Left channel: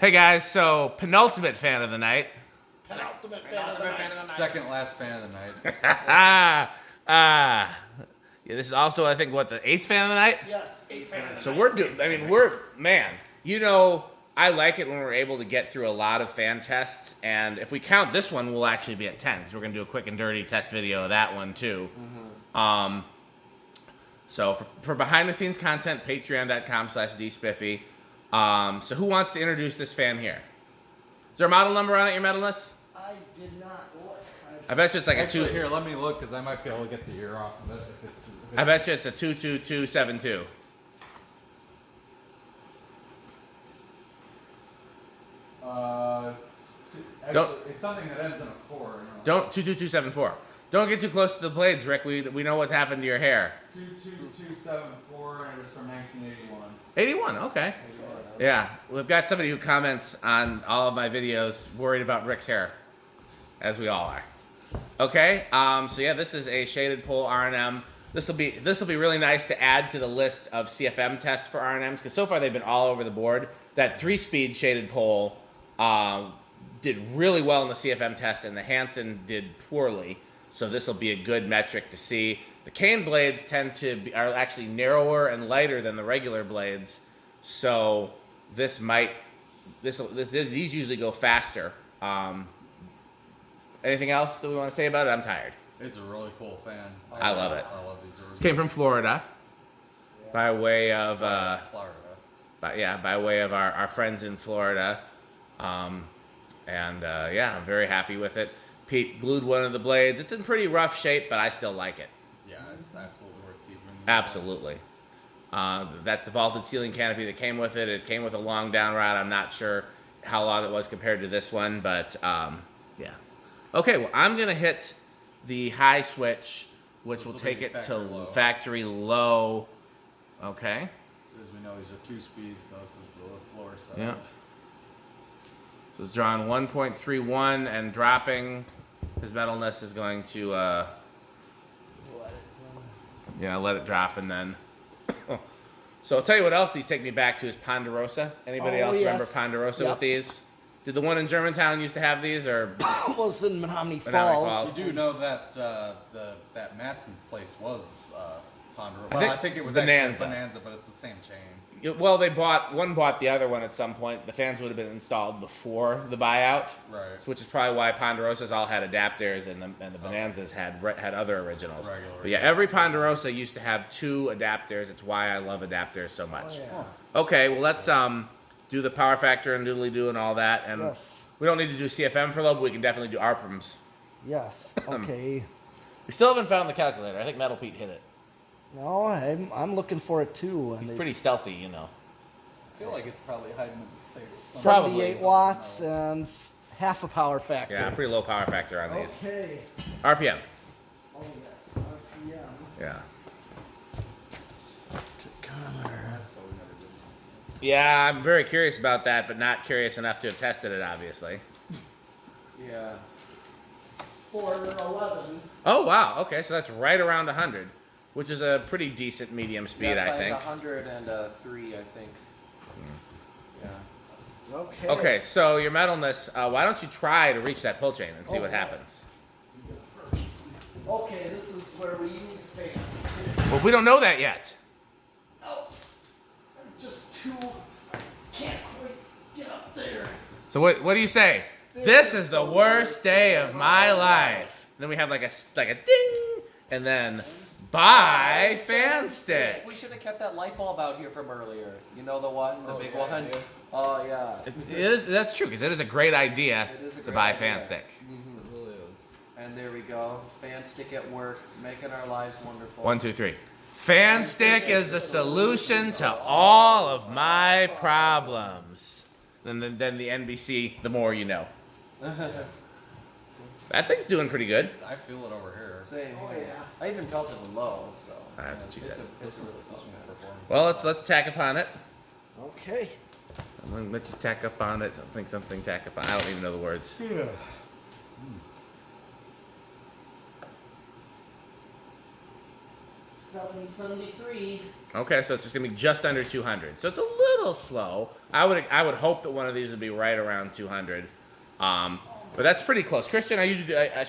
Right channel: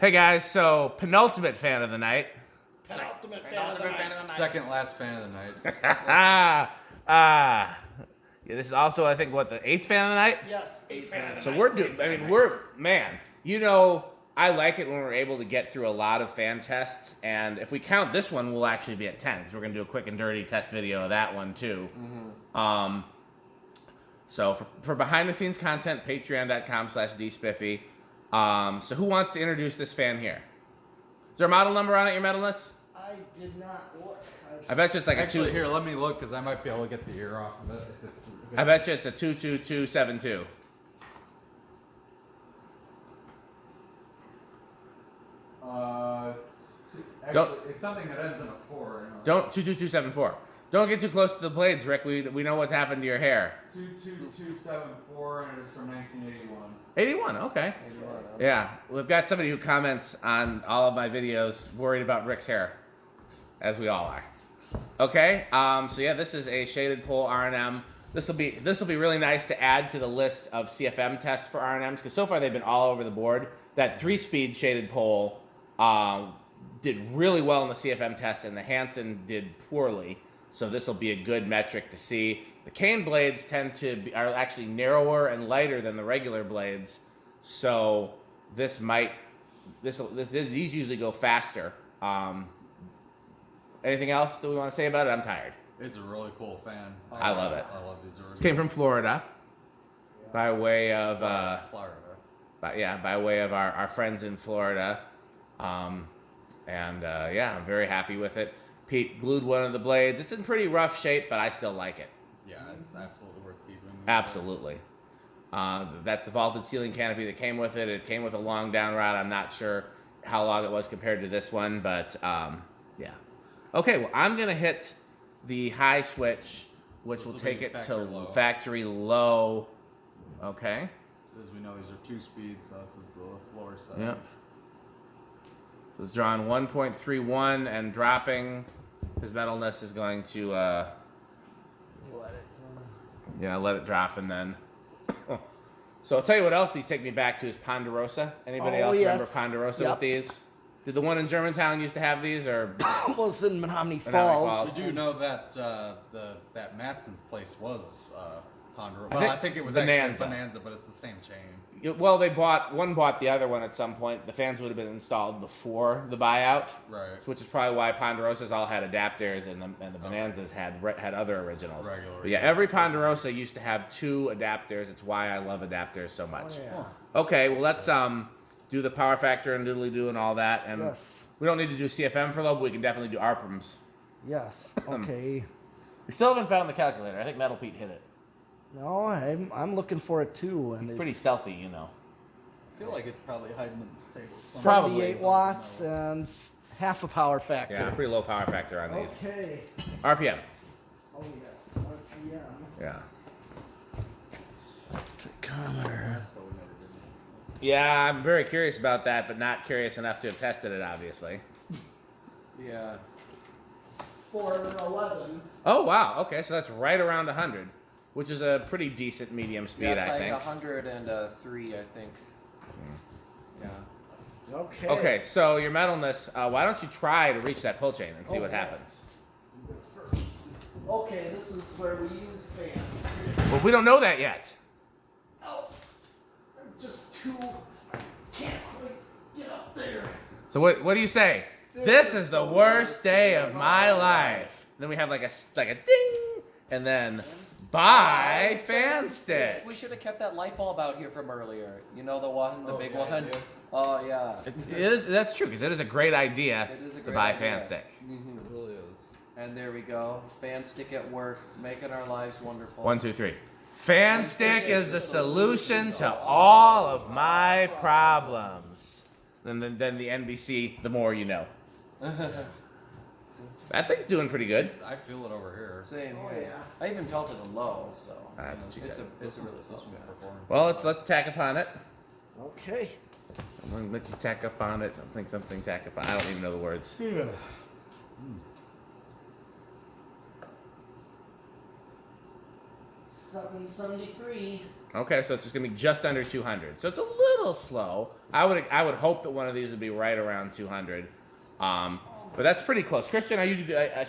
Hey guys, so penultimate fan of the night. Penultimate fan of the night. Second last fan of the night. Yeah, this is also, I think, what, the 8th fan of the night? Yes, 8th fan of the night. So I like it when we're able to get through a lot of fan tests, and if we count this one, we'll actually be at 10, so we're going to do a quick and dirty test video of that one, too. Mm-hmm. So for behind-the-scenes content, patreon.com/dspiffy. So who wants to introduce this fan here? Is there a model number on it, your metal list? I did not look. I bet you it's like Actually, a 2. here, let me look, because I might be able to get the ear off of it. If it's I bet you it's a 22272. It's something that ends in a 4. Don't 22274. Don't get too close to the blades, Rick. We know what's happened to your hair. 22274, and it's from 1981. 81, okay. Yeah, we've got somebody who comments on all of my videos worried about Rick's hair, as we all are. Okay, so yeah, this is a shaded pole R&M. This will be really nice to add to the list of CFM tests for R&Ms, because so far they've been all over the board. That 3-speed shaded pole did really well in the CFM test, and the Hansen did poorly. So this will be a good metric to see. The cane blades are actually narrower and lighter than the regular blades, so these usually go faster. Anything else that we want to say about it? I'm tired. It's a really cool fan. I love it. I love these. This came from Florida, by way of Florida. by way of our friends in Florida, I'm very happy with it. Pete glued one of the blades. It's in pretty rough shape, but I still like it. Yeah, it's absolutely worth keeping. Absolutely. That's the vaulted ceiling canopy that came with it. It came with a long down rod. I'm not sure how long it was compared to this one, but yeah. Okay, well, I'm going to hit the high switch, which will take it to factory low. Okay. As we know, these are 2-speeds, so this is the lower side. Yep. So it's drawn 1.31 and dropping. His metalness is going to let it drop, and then so I'll tell you what else these take me back to is Ponderosa. Anybody else remember Ponderosa with these? Did the one in Germantown used to have these, or was in Menominee Falls? You do know that that Matson's place was Ponderosa. I think it was Bonanza, but it's the same chain. Well, one bought the other one at some point. The fans would have been installed before the buyout, right? Which is probably why Ponderosas all had adapters, and the Bonanzas had other originals. But yeah, every Ponderosa used to have 2 adapters. It's why I love adapters so much. Oh, yeah. Okay, well let's do the power factor and doodly-doo and all that, and we don't need to do CFM for low, but we can definitely do ARPMs. Yes. Okay. We still haven't found the calculator. I think Metal Pete hit it. No, I'm looking for it too. And he's pretty stealthy, you know. I feel like it's probably hiding in this table. Probably 78 watts and half a power factor. Yeah, pretty low power factor on these. Okay. RPM. Oh yes, RPM. Yeah. Tachometer. Yeah, I'm very curious about that, but not curious enough to have tested it, obviously. Yeah. 411. Oh wow. Okay, so that's right around 100. Which is a pretty decent medium speed, I think. 103, I think. Yeah. Okay. Okay, so your metalness, why don't you try to reach that pull chain and see what happens? Okay, this is where we use fans. Well, we don't know that yet. Oh, I'm just I can't quite get up there. So what do you say? This is the worst day of my life. And then we have like a ding, and then buy fan stick. We should have kept that light bulb out here from earlier. You know the one, the big one? Idea. Oh, yeah. That's true, because it is a great idea to buy fan stick. Mm-hmm, it really is. And there we go. Fan stick at work, making our lives wonderful. 1, 2, 3. Fan stick is the solution to all of my problems. Then the NBC, the more you know. That thing's doing pretty good. I feel it over here. Same. Oh yeah. I even felt it in low, so. That's what she said. It's a really This one's performing. Well, let's tack upon it. Okay. I'm gonna let you tack up on it. Something tack up on. I don't even know the words. Yeah. 773. Okay, so it's just gonna be just under 200. So it's a little slow. I would hope that one of these would be right around 200. But that's pretty close. Christian,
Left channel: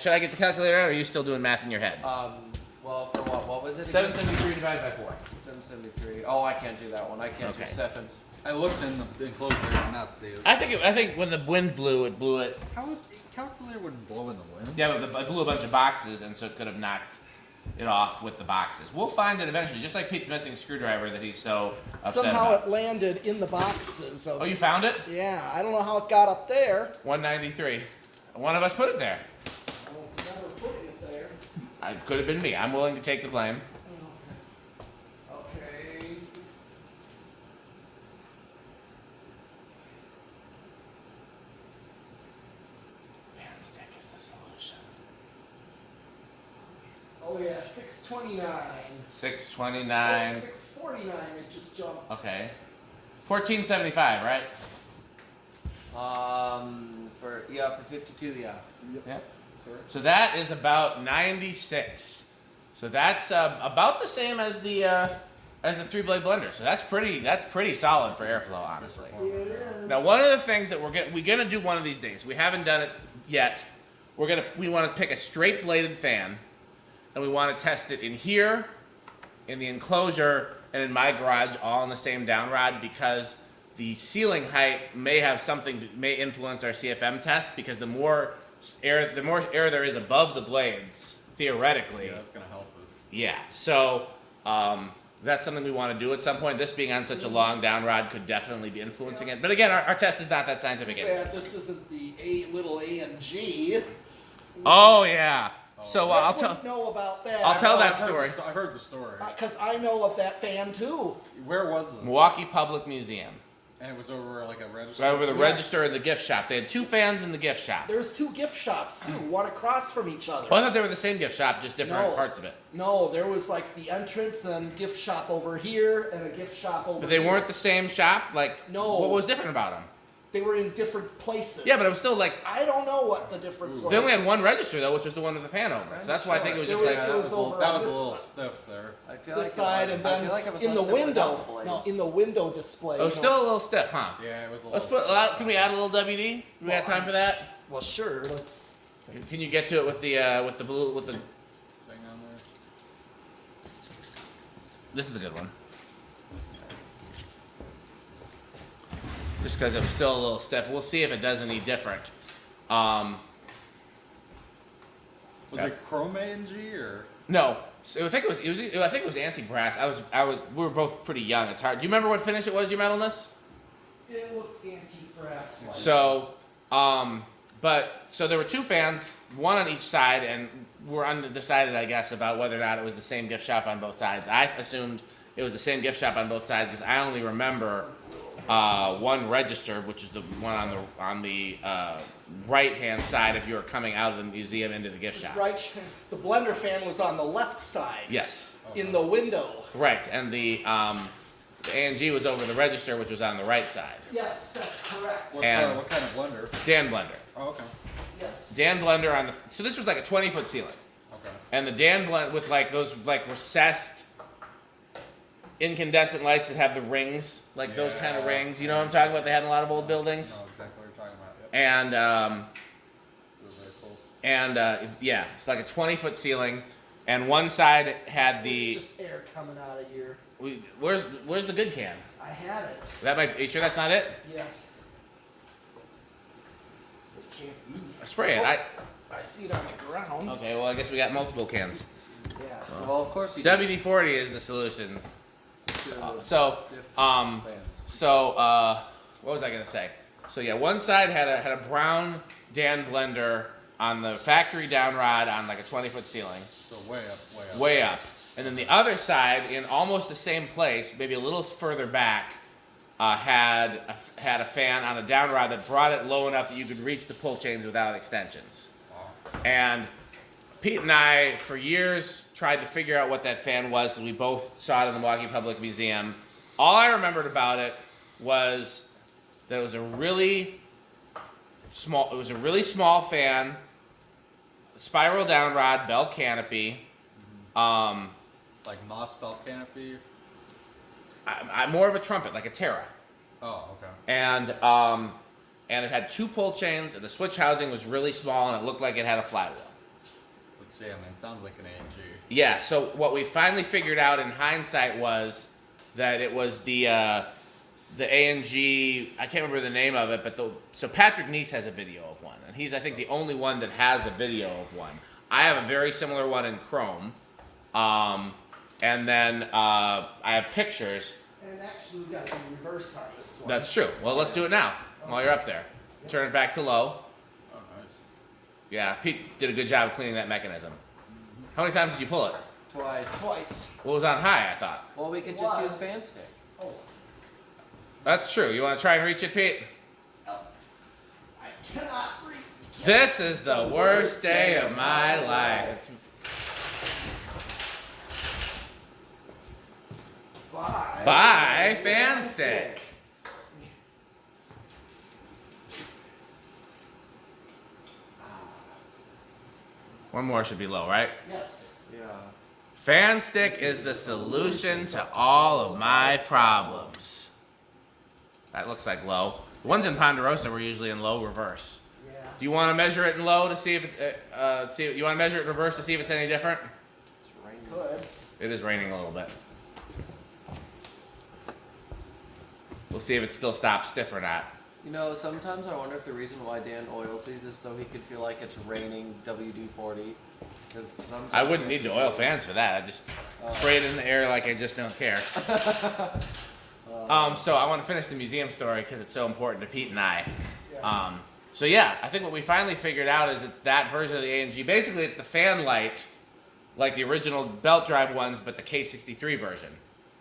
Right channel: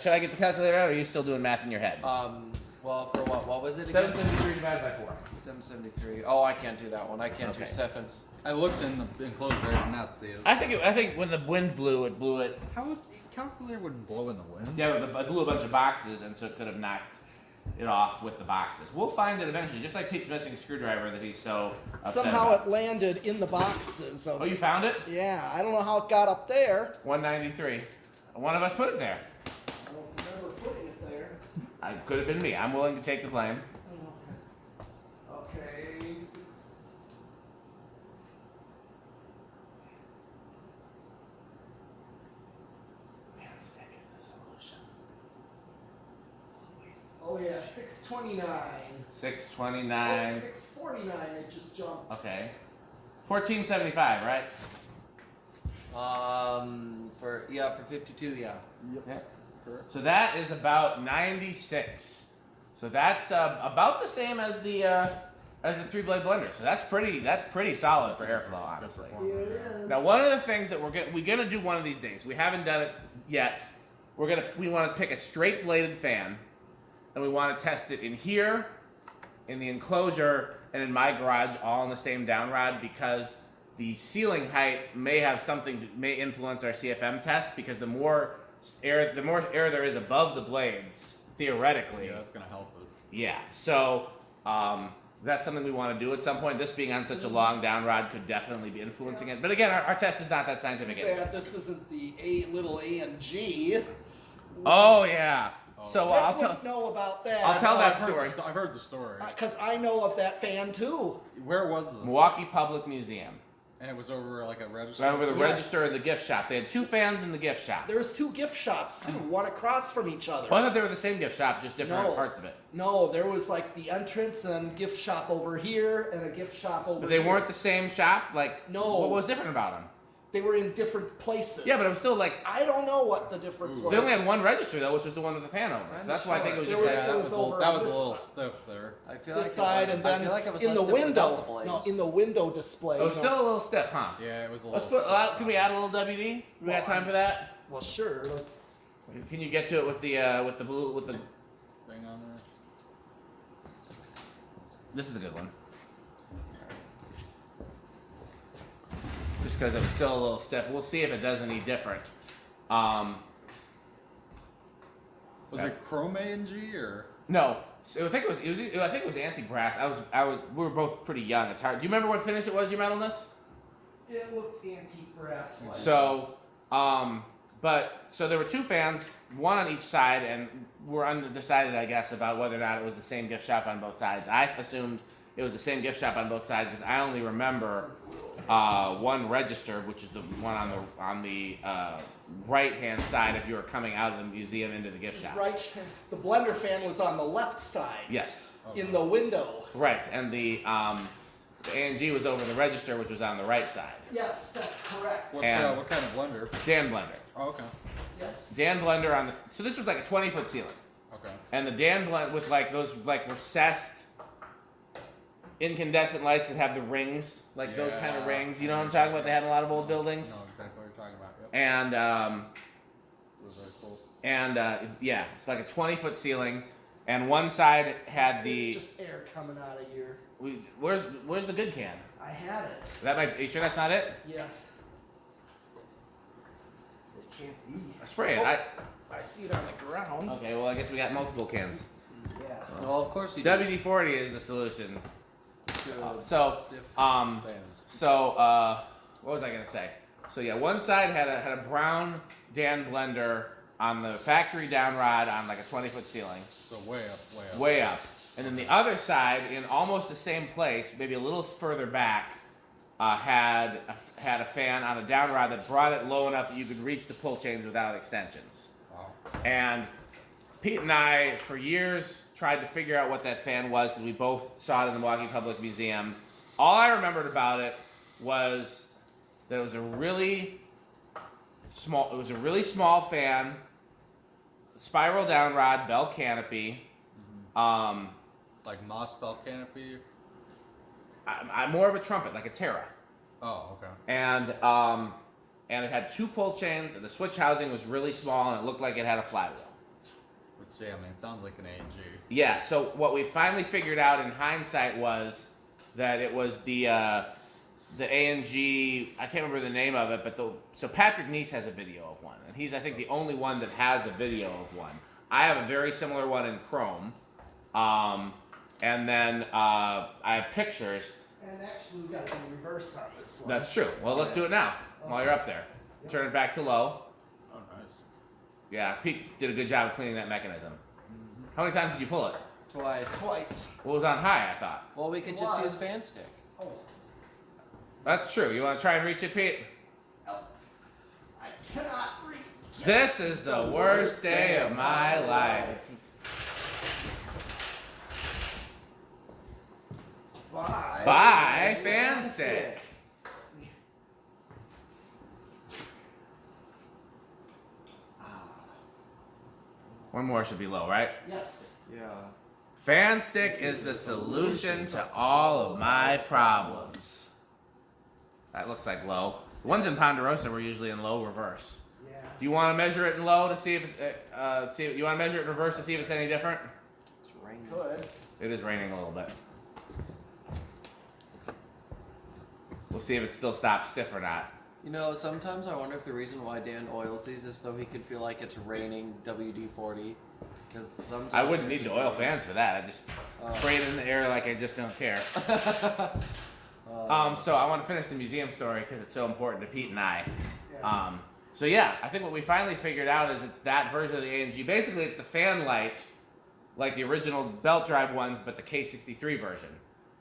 should I get the calculator out, or are you still doing math in your head? Well, for what? What was it again? 773 divided by 4. 773. Oh, I can't do that one. I can't do Okay. sevens. I looked in the enclosure and did not see it. I think when the wind blew, it blew it. How would the calculator wouldn't blow in the wind? Yeah, but I blew a bunch of boxes, and so it could have knocked it off with the boxes. We'll find it eventually, just like Pete's missing screwdriver that he's so upset Somehow about. it landed in the boxes. Oh, you found it? Yeah, I don't know how it got up there. 193. One of us put it there. I will never putting it there. It could have been me. I'm willing to take the blame. Okay, 6. Stick is the solution. Oh yeah, 629. 629. 649. It just jumped. Okay. 1475, right? For 52, yeah. Yeah. So that is about 96. So that's about the same as the 3-blade blender. So that's pretty solid for airflow, honestly. Yeah. Now, one of the things that we're gonna do one of these days, we haven't done it yet. We want to pick a straight bladed fan, and we want to test it in here, in the enclosure, and in my garage, all on the same down rod, because the ceiling height may have something that may influence our CFM test, because the more air there is above the blades, theoretically. Yeah, that's gonna help it. Yeah. So that's something we want to do at some point. This being on such a long down rod could definitely be influencing it. But again, our test is not that scientific. Yeah, anyways. this isn't the little A and G. Oh yeah. So Rick I'll wouldn't tell. know about that. I'll tell that I've heard story. I've heard the story. Because I know of that fan too. Where was this? Milwaukee Public Museum. And it was over like a register. Right over the Yes. register and the gift shop. They had 2 fans in the gift shop. There was 2 gift shops too, one across from each other. Well, I thought they were the same gift shop, just different No. parts of it. No, there was like the entrance and gift shop over here and a gift shop over But they here. weren't the same shop. Like, No. What was different about them? They were in different places. Yeah, but it was still like I don't know what the difference was. they only had one register though, which was the one with the fan over. So that's why I think it was just There like. It was that over was on a this little side. stiff there. I feel This like side it was, and I then feel like it was in the less different window. without the No, blades. in the window display. It was still a little stiff, huh? Yeah, it was a Let's little. put. Can we add a little WD? We got time for that? Well, sure. Let's. Can you get to it with the blue with the? thing on there. This is a good one. Just because it was still a little stiff. We'll see if it does any different. Was Yeah. it Chrome A and G or? No, so I think it was anti-brass. We were both pretty young. It's hard. Do you remember what finish it was you meant on this? It looked antique-brass. Like. So, so there were 2 fans, one on each side, and we're undecided, I guess, about whether or not it was the same gift shop on both sides. I assumed it was the same gift shop on both sides because I only remember one register, which is the one on the right-hand side if you were coming out of the museum into the gift shop. Right. The blender fan was on the left side. Yes. In the window. Right, and the A&G was over the register, which was on the right side. Yes, that's correct. What, And- what kind of blender? Dan Blender. Oh, okay. Yes. Dan Blender on the. So this was like a 20-foot ceiling. Okay. And the Dan Blend with like those like recessed incandescent lights that have the rings, like those kind of Yeah. rings. You know what I'm talking about? They had in a lot of old I buildings. know exactly what you're talking about. Yep. And It was very cool. yeah, it's like a 20-foot ceiling, and one side had the. It's just air coming out of your. Where's the good can? I had it. Are you sure that's not it? Yeah. It can't be. Spray it. I see it on the ground. Okay, well I guess we got multiple cans. Yeah. Well, of course you WD-40 is the solution. So, fans. what was I gonna say? So yeah, one side had a brown Dan blender on the factory down rod on like a 20-foot ceiling, So way up. way up, and then the other side in almost the same place, maybe a little further back, had a fan on a down rod that brought it low enough that you could reach the pull chains without extensions. Wow. And Pete and I, for years, tried to figure out what that fan was because we both saw it in the Milwaukee Public Museum. All I remembered about it was that it was a really small fan, spiral down rod, bell canopy, Like moss belt canopy. I'm more of a trumpet, like a Terra. Oh, okay. And it had 2 pull chains, and the switch housing was really small, and it looked like it had a flywheel. Which, yeah, I mean, it sounds like an AMG. Yeah, so what we finally figured out in hindsight was that it was the AMG, I can't remember the name of it, but so Patrick Neese has a video of one, and he's, I think, the only one that has a video of one. I have a very similar one in Chrome, and then I have pictures. And actually, we got the reverse on this one. That's true. Well, let's do it now while you're up there. Turn it back to low. Oh, nice. Yeah, Pete did a good job of cleaning that mechanism. How many times did you pull it? Twice. What was on high, I thought? Well, we could It just was. use fan stick. Oh, That's true. You want to try and reach it, Pete? no. I cannot read. This is the worst day of my life. Bye, fan stick. One more should be low, right? Yes. Yeah. Fan stick is the solution to all of my problems. That looks like low. The ones in Ponderosa were usually in low reverse. Yeah. Do you want to measure it in low to see if you want to measure it in reverse to see if it's any different? It's raining. Good. It is raining a little bit. We'll see if it still stops stiff or not. You know, sometimes I wonder if the reason why Dan oils these is so he could feel like it's raining WD-40. Because sometimes I wouldn't need the oil fans for that. I just spray it in the air like I just don't care. So I want to finish the museum story because it's so important to Pete and I. Yeah. So yeah, I think what we finally figured out is it's that version of the AMG. Basically, it's the fan light, like the original belt drive ones, but the K63 version,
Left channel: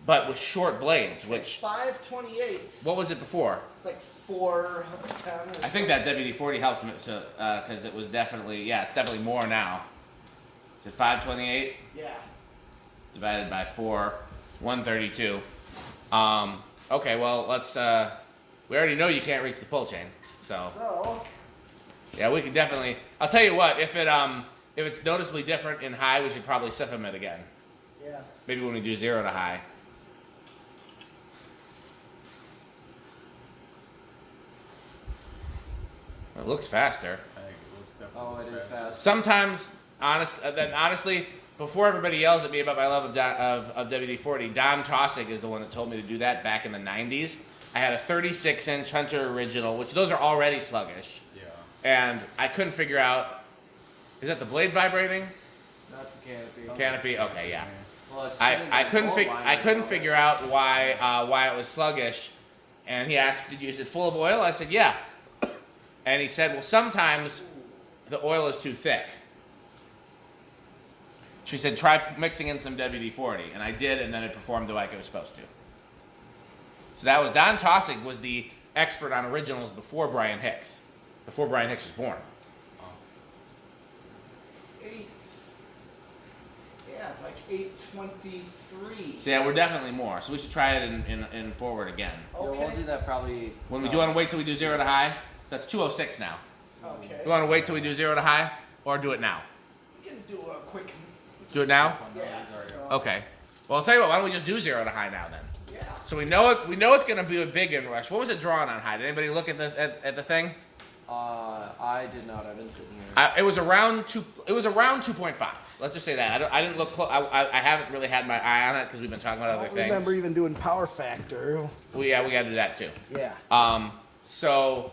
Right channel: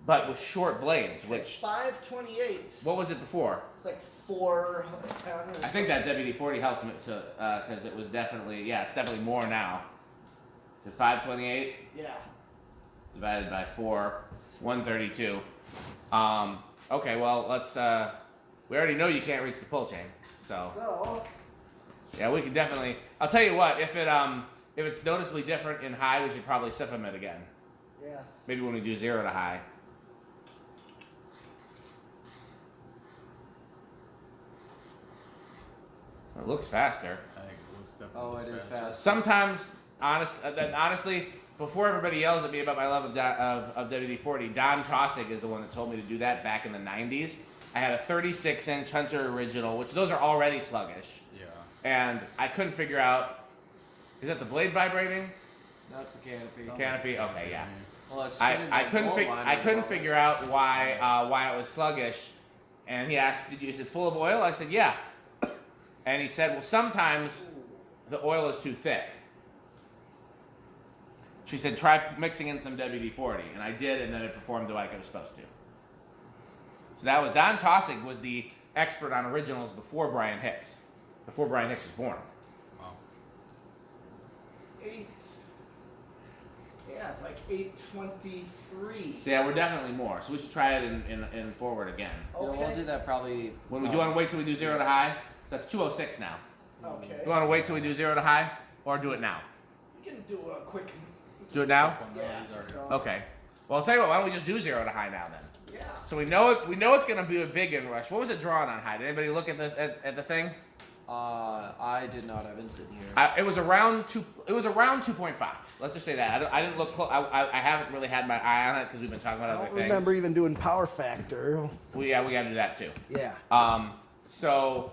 but with short blades. It's Which 528. what was it before? It's like 410 or something. I think that WD-40 helps me because it was definitely it's definitely more now. So 528 Yeah. divided by 4, 132. Okay, well let's. We already know you can't reach the pull chain, so So, yeah, we could definitely. I'll tell you what, if it's noticeably different in high, we should probably siphon it again. yes. Maybe when we do 0 to high. It looks faster. I think it looks definitely Oh, it is fast. Sometimes, honestly, before everybody yells at me about my love of WD-40, Don Tossig is the one that told me to do that back in the 90s. I had a 36-inch Hunter Original, which those are already sluggish, Yeah. and I couldn't figure out, is that the blade vibrating? That's the canopy. Canopy? Okay, yeah. Well, it's I spinning couldn't that fig- gold line I couldn't right figure out why it was sluggish, and he asked, is it full of oil? I said, yeah. And he said, well, sometimes the oil is too thick. She said, try mixing in some WD-40, and I did, and then it performed like it was supposed to. So that was, Don Tossig was the expert on originals before Brian Hicks was born. 8. Yeah, it's like 823. So yeah, we're definitely more. So we should try it in forward again. Yeah, Okay. we'll do that probably. When we do want to wait till we do 0 to high, so that's 206 now. Okay. You want to wait till we do 0 to high, or do it now? We can do a quick. Do it now? Yeah. Okay. Well, I'll tell you what. Why don't we just do 0 to high now then? Yeah. So we know it's going to be a big inrush. What was it drawn on high? Did anybody look at the thing? I did not. I've been sitting here. It was around 2. It was around 2.5. Let's just say that. I didn't look. I haven't really had my eye on it because we've been talking about I other don't things. remember even doing power factor. Well, yeah, we got to do that too. Yeah. So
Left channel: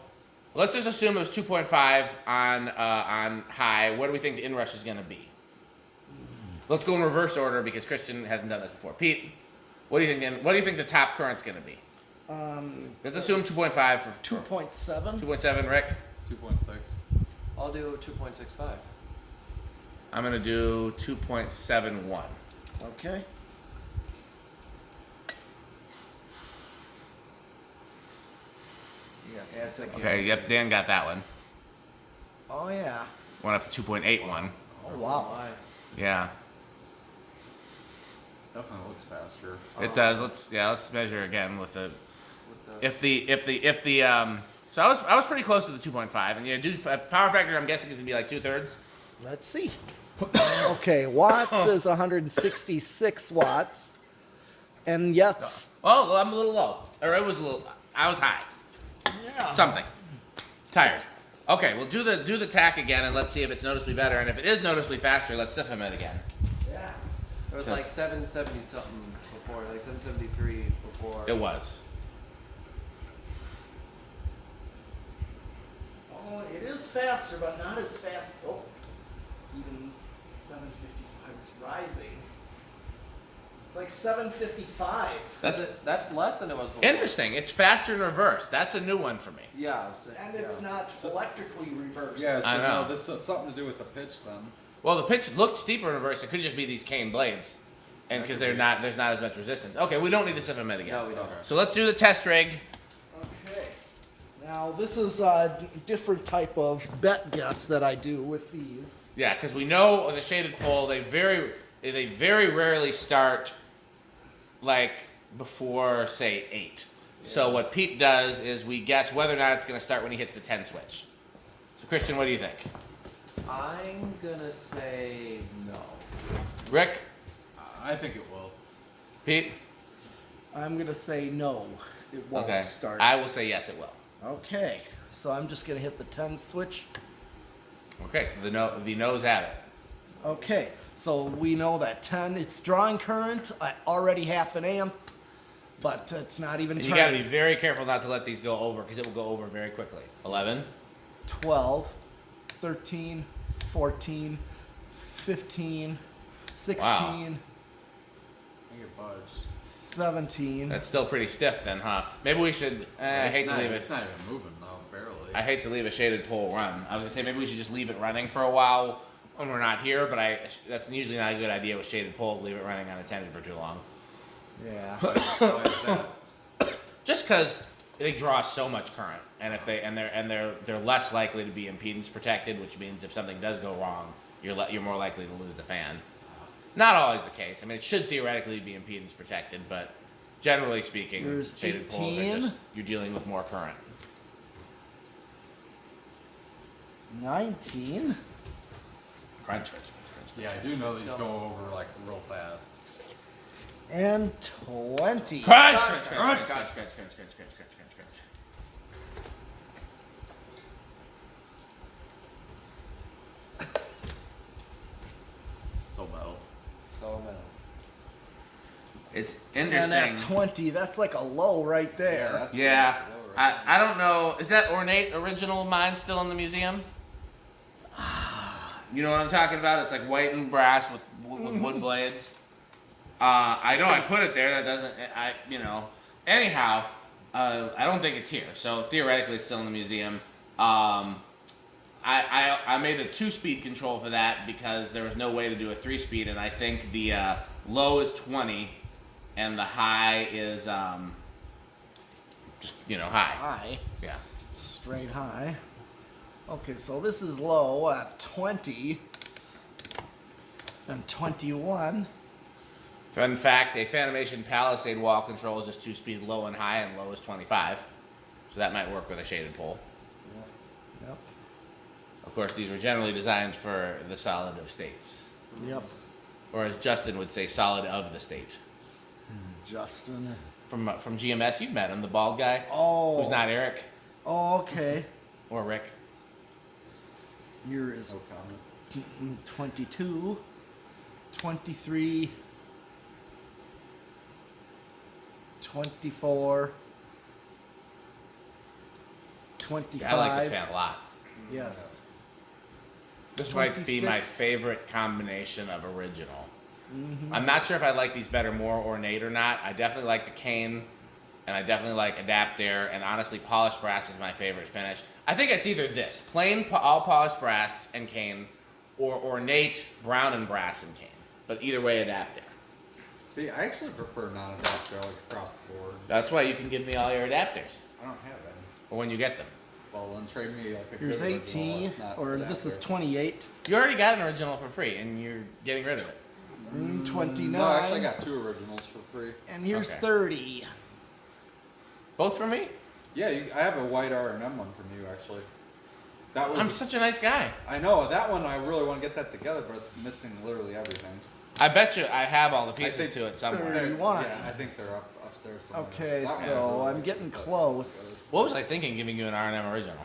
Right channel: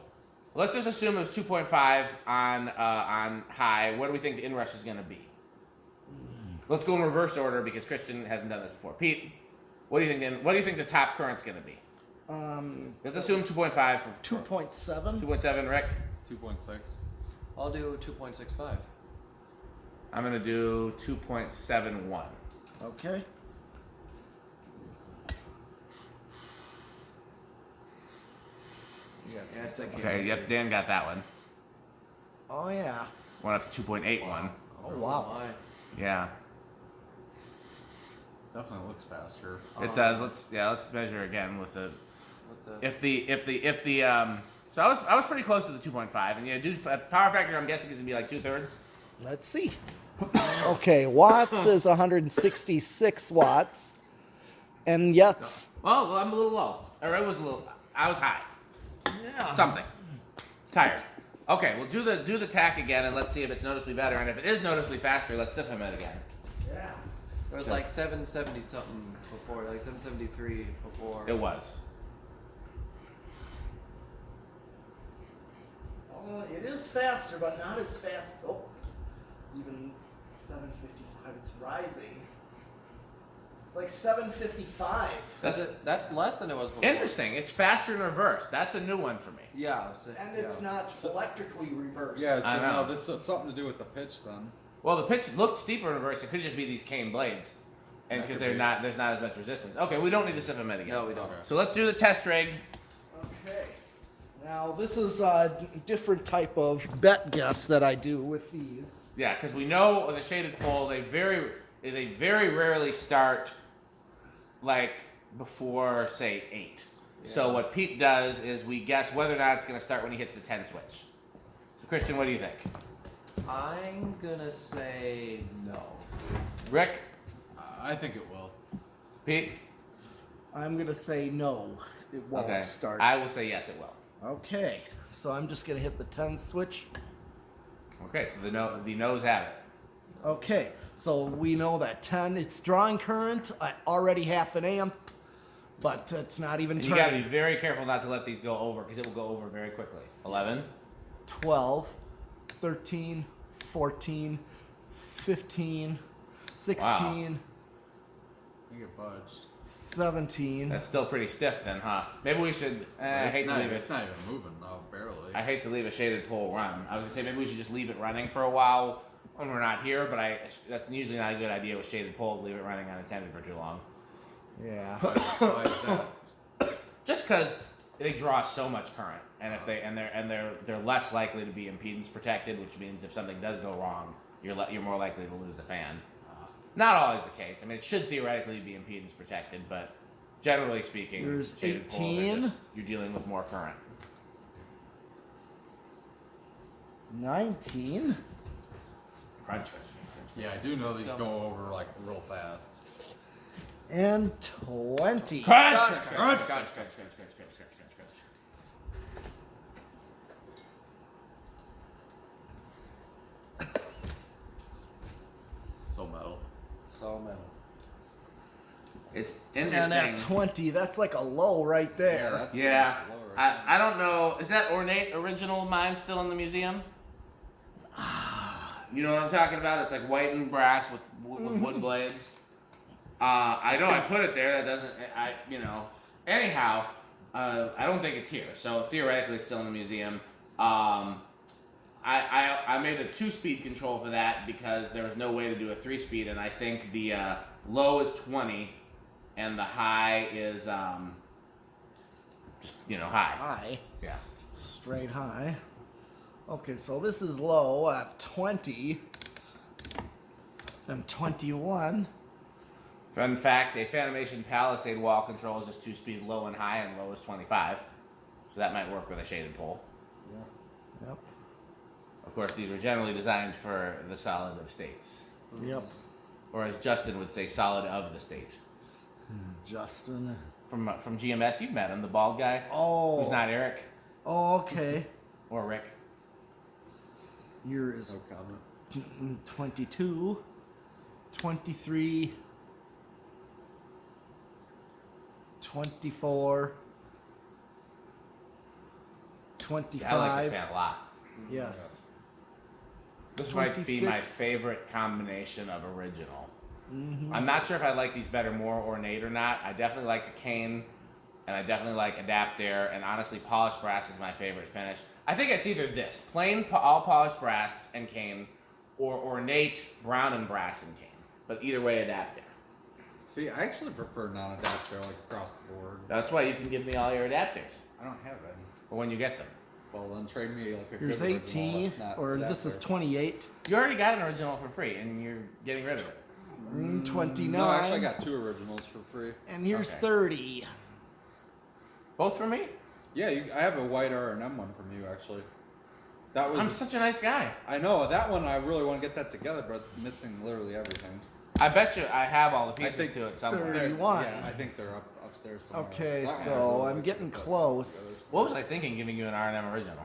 let's just assume it was 2.5 on high. What do we think the inrush is going to be? Let's go in reverse order because Christian hasn't done this before. Pete, what do you think? What do you think the top current's going to be? Let's assume 2.5 for 2.7. 2.7. Rick, 2.6. I'll do 2.65. I'm going to do 2.71. Okay. Yeah, it's like Okay. Yep. Dan got that one. Oh yeah. Went up to 2.81. Oh wow. Why? Yeah. Definitely looks faster. It does. Let's measure again with the. With the So I was pretty close to the 2.5, and do power factor. I'm guessing is gonna be like 2/3. Let's see. Okay, watts is 166 watts. And yes, Oh, well, I'm a little low. Or I was high. yeah. Something. Tired. Okay, well, do the tack again and let's see if it's noticeably better. And if it is noticeably faster, let's stiffen it again. Yeah. It was like 770 something before, like 773 before. It was. Oh, it is faster, but not as fast. Oh, even 755. It's rising. It's like 755. That's less than it was before. Interesting. It's faster in reverse. That's a new one for me. Yeah. So, And it's not electrically reversed. Yeah, so I know. no, this has something to do with the pitch then. Well, the pitch looked steeper in reverse. It could just be these cane blades, and because there's not as much resistance. Okay, we don't need to siffen it again. No, we don't. Okay. So let's do the test rig. Okay. Now this is a different type of bet guess that I do with these. Yeah, because we know with a shaded pole, they very rarely start like before say 8. Yeah. So what Pete does is we guess whether or not it's going to start when he hits the 10 switch. So Christian, what do you think? I'm gonna say no. Rick, I think it will. Pete. I'm gonna say no. It won't Okay. start. I will say yes, it will. Okay. So I'm just gonna hit the 10 switch. Okay, so the no's have it. Okay. So we know that 10. It's drawing current at already half an amp, but it's not even. And you got to be very careful not to let these go over because it will go over very quickly. 11. 12, 13, 14, 15, 16, You get budged. 17. That's still pretty stiff then, huh? Maybe we should. I hate to leave it. It's not even moving though, barely. I hate to leave a shaded pole run. I was gonna say maybe we should just leave it running for a while when we're not here, but that's usually not a good idea with shaded pole. Leave it running unattended for too long. Yeah. Why is that? Just because they draw so much current, and if they're less likely to be impedance protected, which means if something does go wrong, you're more likely to lose the fan. Not always the case. I mean, it should theoretically be impedance protected, but generally speaking, There's shaded poles 18. are just you're dealing with more current. 19. Crunch. Yeah, I do know these go over like real fast. And 20. Crunch. So metal. So metal. It's And interesting. at 20, that's like a low right there. that's Yeah, low right I don't know. Is that ornate original of mine still in the museum? You know what I'm talking about? It's like white and brass with wood blades. I know I put it there. That doesn't. Anyhow, I don't think it's here. So theoretically, it's still in the museum. I made a 2-speed control for that because there was no way to do a 3-speed, and I think the low is 20, and the high is just high. High. Yeah. Straight high. Okay, so this is low at 20. And 21. Fun fact, a Fanimation Palisade wall control is just 2-speed low and high, and low is 25. So that might work with a shaded pole. Yep. Of course, these were generally designed for the solid of states. Yep. Or as Justin would say, solid of the state. Justin. From GMS, you've met him, the bald guy. Oh. Who's not Eric Oh, okay. or Rick. Here is No comment. 22, 23, 24, 25. Yeah, I like this fan a lot. Yes. This might be my 26. favorite combination of original. Mm-hmm. I'm not sure if I like these better more ornate or not. I definitely like the cane, and I definitely like Adaptair, and honestly, polished brass is my favorite finish. I think it's either this, plain all polished brass and cane, or ornate brown and brass and cane. But either way, Adaptair. See, I actually prefer non-adapter like across the board. That's why you can give me all your Adaptairs, I don't have any. or when you get them. Well, then trade me like a Here's good original 18, that's not or this is adapter. 28, You already got an original for free, and you're getting rid of it. 29, No, actually, I got 2 originals for free. and here's Okay. 30. Both for me? Yeah, I have a white R&M one from you actually. That was. I'm such a nice guy. I know that one. I really want to get that together, but it's missing literally everything. I bet you I have all the I pieces think to it somewhere. There you want. Yeah, I think they're upstairs somewhere. Okay, That one I so really I'm like getting to put close. together. What was I thinking giving you an R&M original?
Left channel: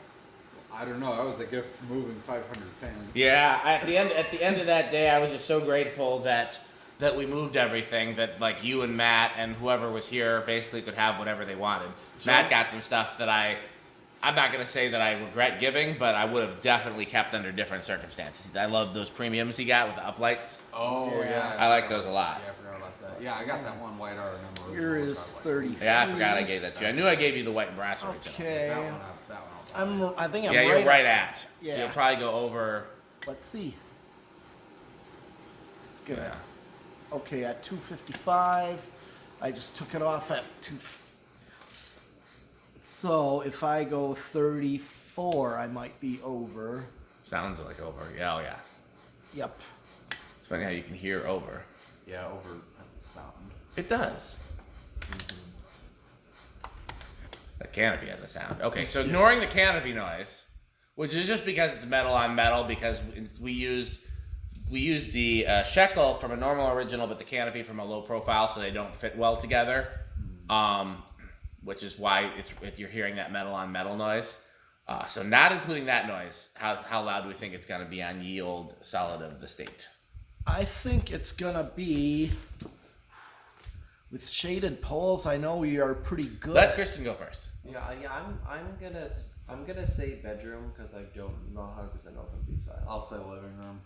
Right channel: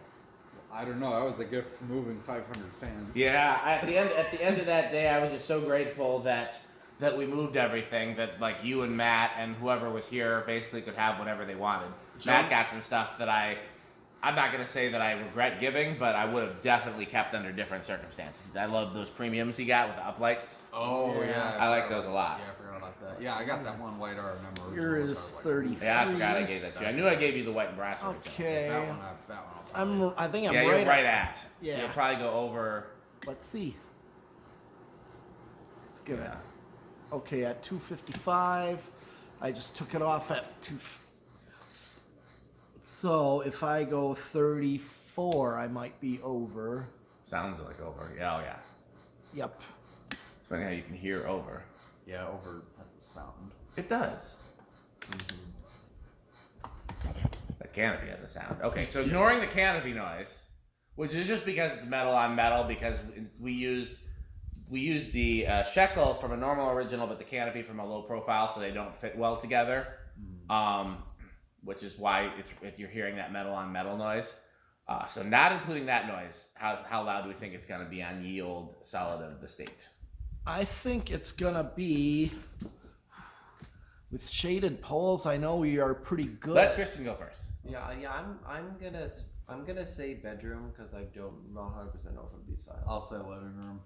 I don't know. That was a gift for moving 500 fans. Yeah, at the end of that day, I was just so grateful that we moved everything, that like you and Matt and whoever was here basically could have whatever they wanted. Matt got some stuff that I'm not gonna say that I regret giving, but I would have definitely kept under different circumstances. I love those premiums he got with the uplights. Oh yeah. I like those a lot. Yeah, I forgot about that. Yeah, I got that one white R. Here is 33. Yeah, I forgot I gave that to you. I knew I gave you the white and brass original. Okay. That one. I think I'm Yeah, right. you're right at. Yeah. So you'll probably go over. Let's see. It's good. Yeah. Okay, at 255. I just took it off at 2. So if I go 34, I might be over. Sounds like over. Yeah, oh yeah. Yep. It's funny how you can hear over. Yeah, over has a sound. It does. The canopy has a sound. Okay, so ignoring the canopy noise, which is just because it's metal on metal, because we used the shekel from a normal original, but the canopy from a low profile, so they don't fit well together. Which is why you're hearing that metal on metal noise. So not including that noise, how loud do we think it's going to be on ye old solid of the state? I think it's gonna be with shaded poles. I know we are pretty good. Let Christian go first. Yeah. I'm gonna say bedroom because I don't know 100% know if it'll be silent. I'll say living room.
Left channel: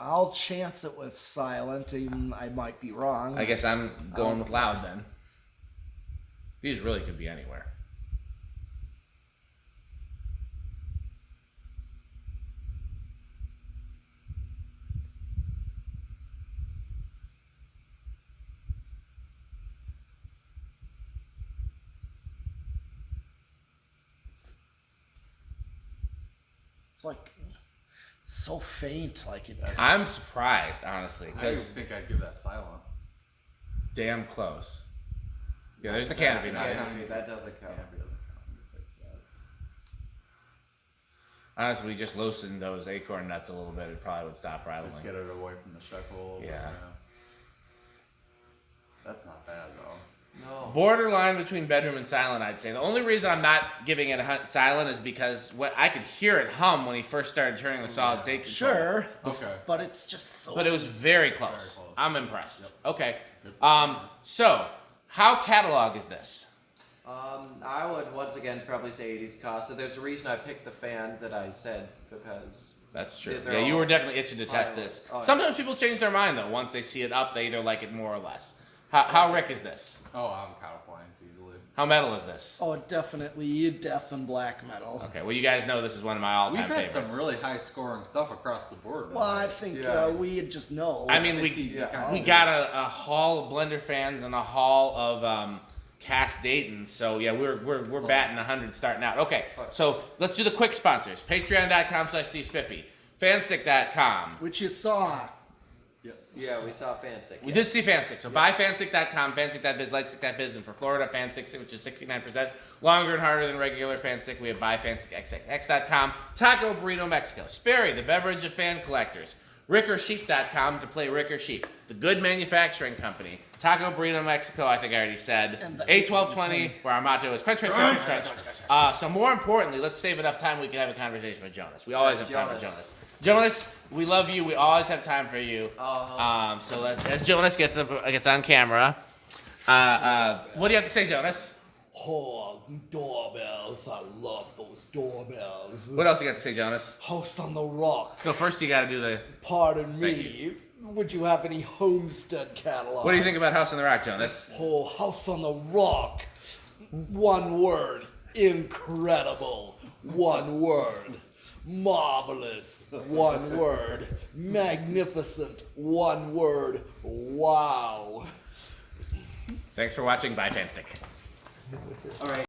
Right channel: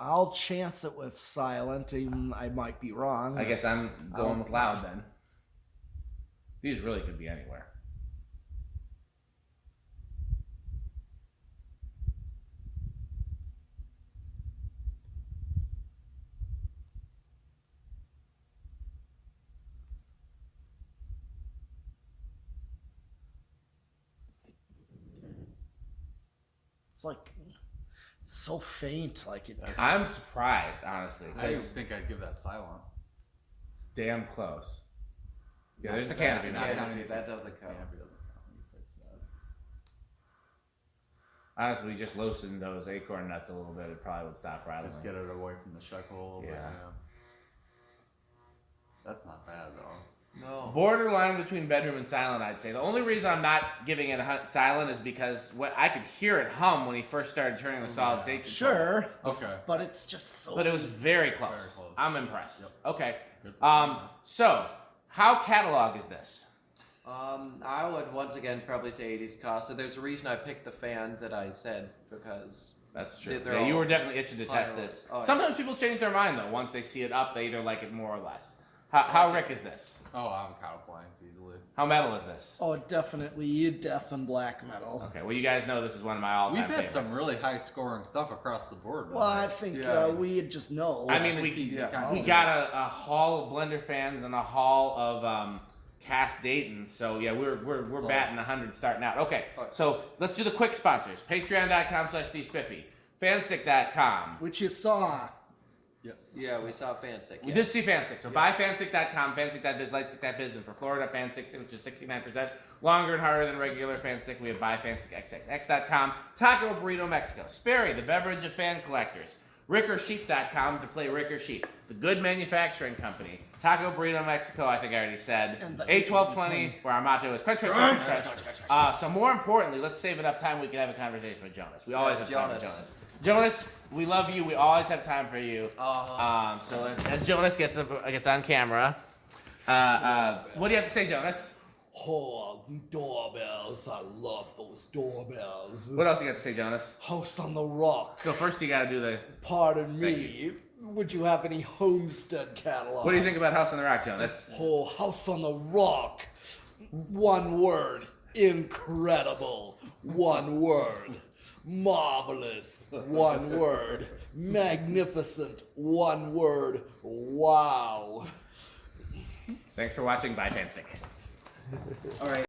I'll chance it with silent. Even I might be wrong. I guess I'm going with loud then. These really could be anywhere. It's like so faint. Like it. I'm surprised, honestly, I because think I'd give that silent. damn close. Yeah, there's the canopy noise. That doesn't count. Honestly, we just loosened those acorn nuts a little bit. It probably would stop rattling. Just get it away from the shekel a little bit. Yeah. That's not bad though. No. Borderline between bedroom and silent, I'd say. The only reason I'm not giving it a silent is because I could hear it hum when he first started turning the solid state control. Sure. Okay. But it's just so. But it was very close. Very close. I'm impressed. Yep. Okay. So how catalog is this? I would once again probably say 80s cost. So there's a reason I picked the fans that I said because That's true. they're Yeah, you all were definitely itching to test violent. this. Oh, yeah. Sometimes people change their mind though. Once they see it up, they either like it more or less. How Rick is this? Oh, avocado planes easily. How metal is this? Oh, definitely death and black metal. Okay, well you guys know this is one of my all-time We've had favorites. some really high scoring stuff across the board. Well, I think Yeah. we just know. I mean, Yeah. we got a haul of blender fans and a haul of cast Dayton's. So yeah, we're batting 100 starting out. Okay, so let's do the quick sponsors. Patreon.com/DSpiffy. Fanstick.com. Which you saw. Yes. Yeah, we saw Fanstick. We did see Fanstick. So buy Fanstick.com, Fanstick.biz, Lightstick.biz, and for Florida, Fanstick, which is 69% longer and harder than regular Fanstick, we have buy FanstickXXX.com, Taco Burrito Mexico, Sperry, the beverage of fan collectors, RickerSheep.com to play Ricker Sheep, the good manufacturing company, Taco Burrito Mexico, I think I already said, And the 81220, where our motto is crunch, crunch, crunch, crunch, crunch. So more importantly, let's save enough time we can have a conversation with Jonas. We always have time with Jonas. Jonas, we love you. We always have time for you. So as Jonas gets on camera, what do you have to say, Jonas? Oh, doorbells. I love those doorbells. What else you got to say, Jonas? House on the Rock. So first you got to do the. Pardon Thank me. Would you have any Homestead catalogs? What do you think about House on the Rock, Jonas? Oh, House on the Rock. One word. Incredible. One word. Marvelous. One word. Magnificent. One word. Wow. Thanks for watching. Bye, Fanstick. All right.